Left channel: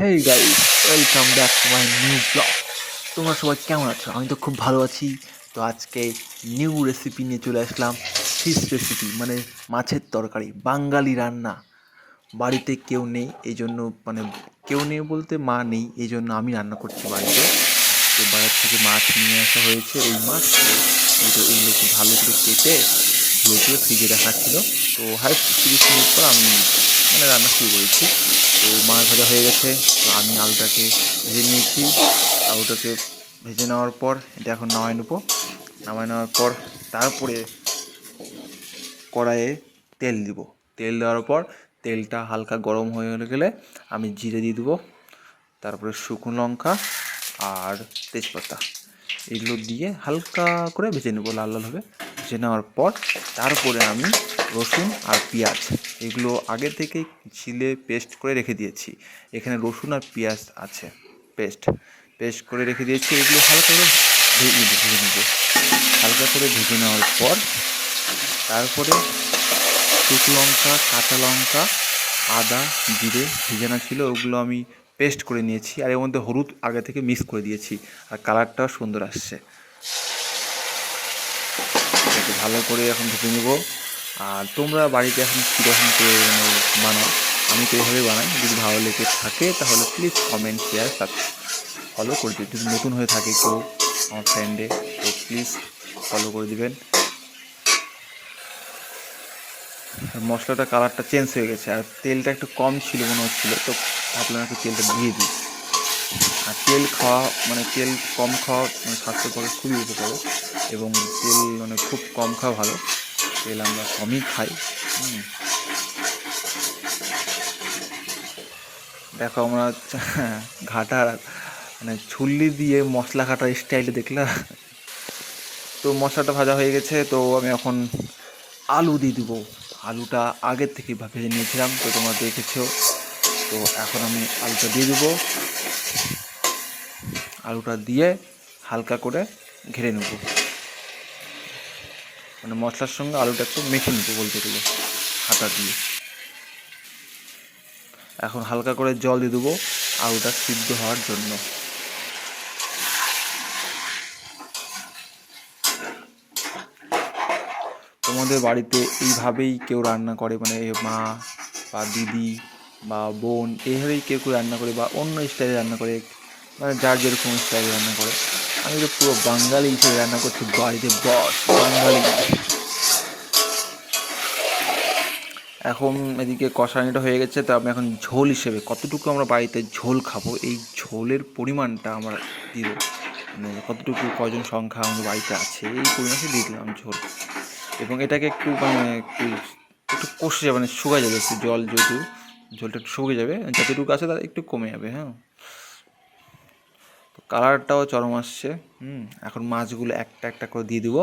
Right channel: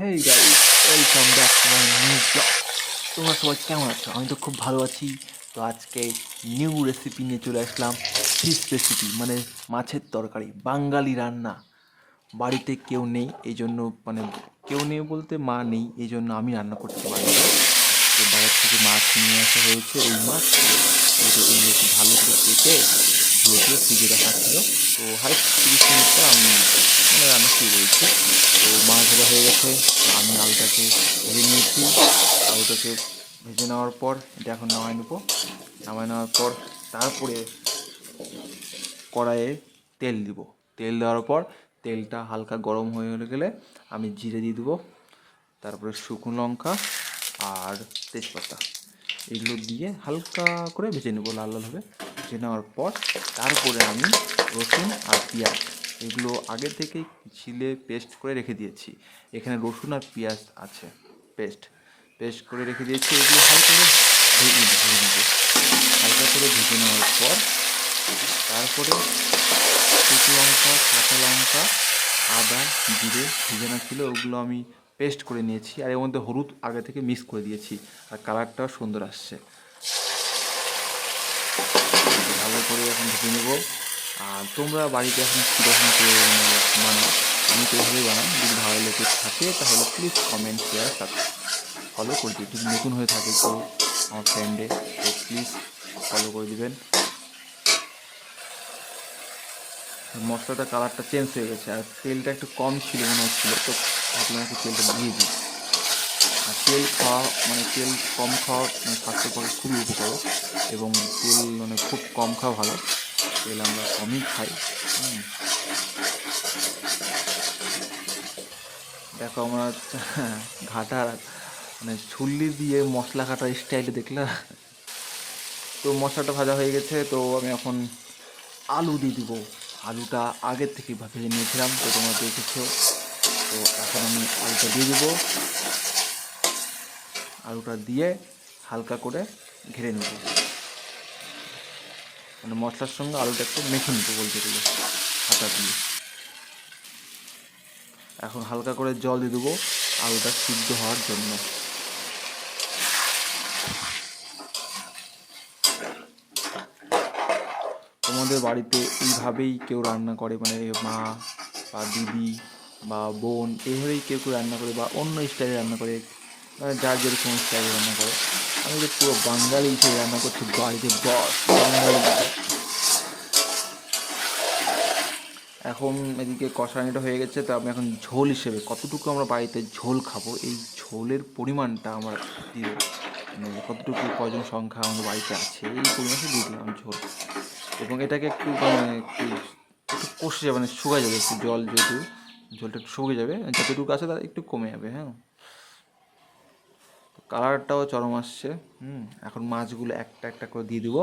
Hey guys, welcome back to my new blog. তোমরা সবাই কেমন আছো? আমি তো খুব ভালো আছি। তো আজকে নিউ রেসিপি নিয়ে চলে আসলাম। ফিশ রেসিপি, মানে মাছের তরকারি, বাঙালি রান্না। বাড়িতে কেউ নেই এই জন্য, মানে কেউ নেই বলতে মা নেই, এই জন্য আমি রান্না করছি বাড়িতে। আজকে বাজার থেকে মাছ নিয়ে আসা হয়েছে, রুই মাছ। তো এগুলো খুব ভালো করে কেটে ধুয়ে ধুয়ে ফ্রিজে রাখা ছিল। তো হাইস্ট 30 মিনিট পর আমি রান্না শুরু করেছি। তো মাছ ভাজা হয়ে গেছে। তো আমি আলুটাকে ভেজে নিয়েছি। আলুটাকে ভেজে নেওয়ার পর এটা এখন নামায় নেবো। নামায় নেওয়ার পর তারপরে কড়াইয়ে তেল দিব। তেল দেওয়ার পর তেলটা হালকা গরম হয়ে গেলে আমি জিরে দিয়ে দেবো। তারপরে শুকনো লঙ্কা আর তেজপাতা, এগুলো দিয়ে হালকা করে ভেজে নেবো, লাল লালভাবে ভেজে নেওয়ার পর তারপরে আমি রসুন আর পেঁয়াজ এগুলো আগে থেকেই ছিলে পেস্ট করে রেখে দিয়েছি। এখানে রসুন আর পেঁয়াজ আছে, পেস্ট করে রেখে দিয়েছি। এগুলো হালকা করে ভেজে নেবো। হালকা করে ভেজে নেওয়ার পর তারপরে শুকনো লঙ্কা, কাঁচা লঙ্কা, আদা, জিরে ভেজানো ছিল, ওগুলো আমি পেস্ট করে নিয়েছি। আর এর মধ্যে হলুদ আগে থেকে মিক্স করে দিয়েছি, আর কালারটাও সুন্দর আসছে। তো ভালো করে এখন ভেজে নেব। আর তোমরা বাড়িতে এখন কীরকম করে বানাও? আমি তো এইভাবেই বানাই। যদি ভালো লেগে থাকে তাহলে প্লিজ কমেন্ট, শেয়ার, ফলো করে দিও। যদি নতুন হয়ে থাকে কেউ আমার ফ্রেন্ডে, তো প্লিজ ফলো করে দিবেন। মশলাটা কালারটা চেঞ্জ হয়ে গেছে, আর তেলটা একটু কম ছিল মনে হচ্ছিলো, তো ভাবলাম একটু তেলটা দিয়ে দিই। আর তেল খাওয়া তেল কম খাওয়া স্বাস্থ্যের পক্ষে খুবই উপকার, এবং তেল খুব কম খাওয়া ভালো। তেল আমরা কমই খাই। দেখো আমরা ঘাটা ছুল্লি দিয়ে মশলা কাটার স্টাইলে দেখলাম। তো মশলাটা ভাজা হয়ে গেছে, তো আমি এখন আলু দিয়ে দেবো। আলুটা আগের থেকে ভেজে নিয়েছিলাম, তো তোমরা দেখেছো। তো এখন আমি আলুটা দিয়ে দেবো। আলুটা দিয়ে হালকা করে ঘেরে নেব, মশলার সঙ্গে আলুটা একটু মেখে নেবো বলতে গেলে, হাতা দিয়ে। এখন হালকা করে জল দিয়ে দেবো আলুটা সিদ্ধ হওয়ার জন্য। তোমাদের বাড়িতে এইভাবেই কেউ রান্না করে, মা বা দিদি বা বোন এইভাবেই কেউ কেউ রান্না করে, বা অন্য স্টাইলে রান্না করে, যার যেরকম স্টাইলে রান্না করে। আমি তো পুরো বাঙালি হিসেবে রান্না করছি বাড়িতে, বস বাঙালি। এখন এদিকে কষানিটা হয়ে গেছে, তো আমি এখন ঝোল হিসেবে কতটুকু আমরা বাড়িতে ঝোল খাবো এই ঝোলের পরিমাণটা আমরা দিব। কতটুকু কজন সংখ্যা আমাদের বাড়িতে আছে এই পরিমাণে দিয়ে দিলাম ঝোল। এবং এটাকে একটু একটু একটু কষে যাবে, শুকায় যাবে একটু, জল যেহেতু ঝোলটা একটু শুকিয়ে যাবে, যতটুকু আছে তার একটু কমে যাবে। হ্যাঁ, তো কালারটাও চরম আসছে। এখন মাছগুলো একটা একটা করে দিয়ে দিব।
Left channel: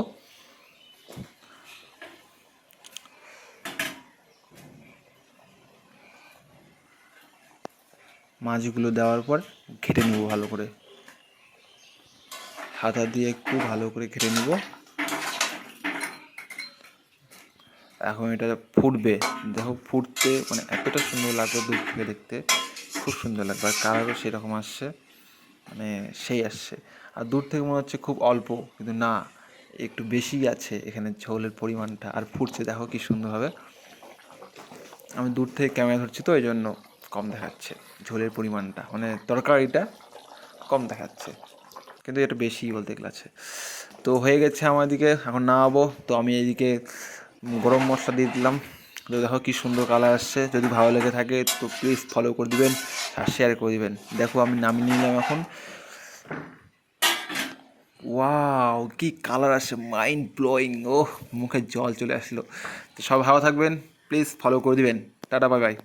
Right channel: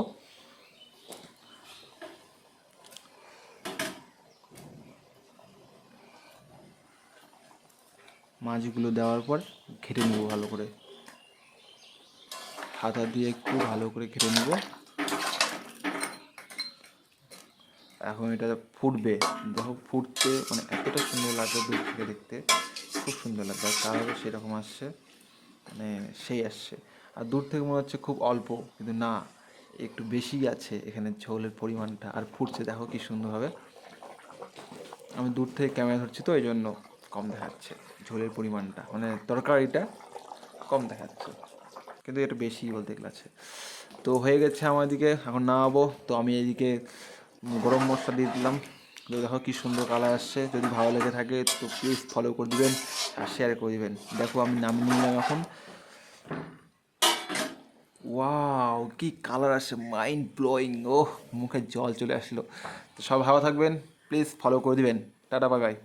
মাছগুলো দেওয়ার পর ঘেটে নেবো ভালো করে, হাতা দিয়ে একটু ভালো করে ঘেটে নেব। এখন এটা ফুটবে, দেখো ফুটতে এতটা সুন্দর লাগবে দূর থেকে দেখতে, খুব সুন্দর লাগবে। আর কালারও সেরকম আসছে, সেই আসছে। আর দূর থেকে মনে হচ্ছে খুব অল্প, কিন্তু না, একটু বেশি আছে এখানে ঝোলের পরিমাণটা। আর ফুটছে দেখো কি সুন্দরভাবে। আমি দূর থেকে ক্যামেরা ধরছি, তো এই জন্য কম দেখাচ্ছে ঝোলের পরিমাণটা, তরকারিটা কম দেখাচ্ছে, কিন্তু এটা বেশি বলতে গেলে আছে। তো হয়ে গেছে আমার দিকে, এখন নামাবো। তো আমি এইদিকে গরম মশলা দিয়ে দিলাম। তো দেখো কি সুন্দর কালার আসছে। যদি ভালো লেগে থাকে তো প্লিজ ফলো করে দিবেন আর শেয়ার করে দিবেন। দেখো আমি নামিয়ে নিলাম এখন। ওয়াও, কি কালার আসে, মাইন্ড ব্লোয়িং। মুখে জল চলে আসলো। তো সব ভালো থাকবেন, প্লিজ ফলো করে দিবেন। Tata, bye bye.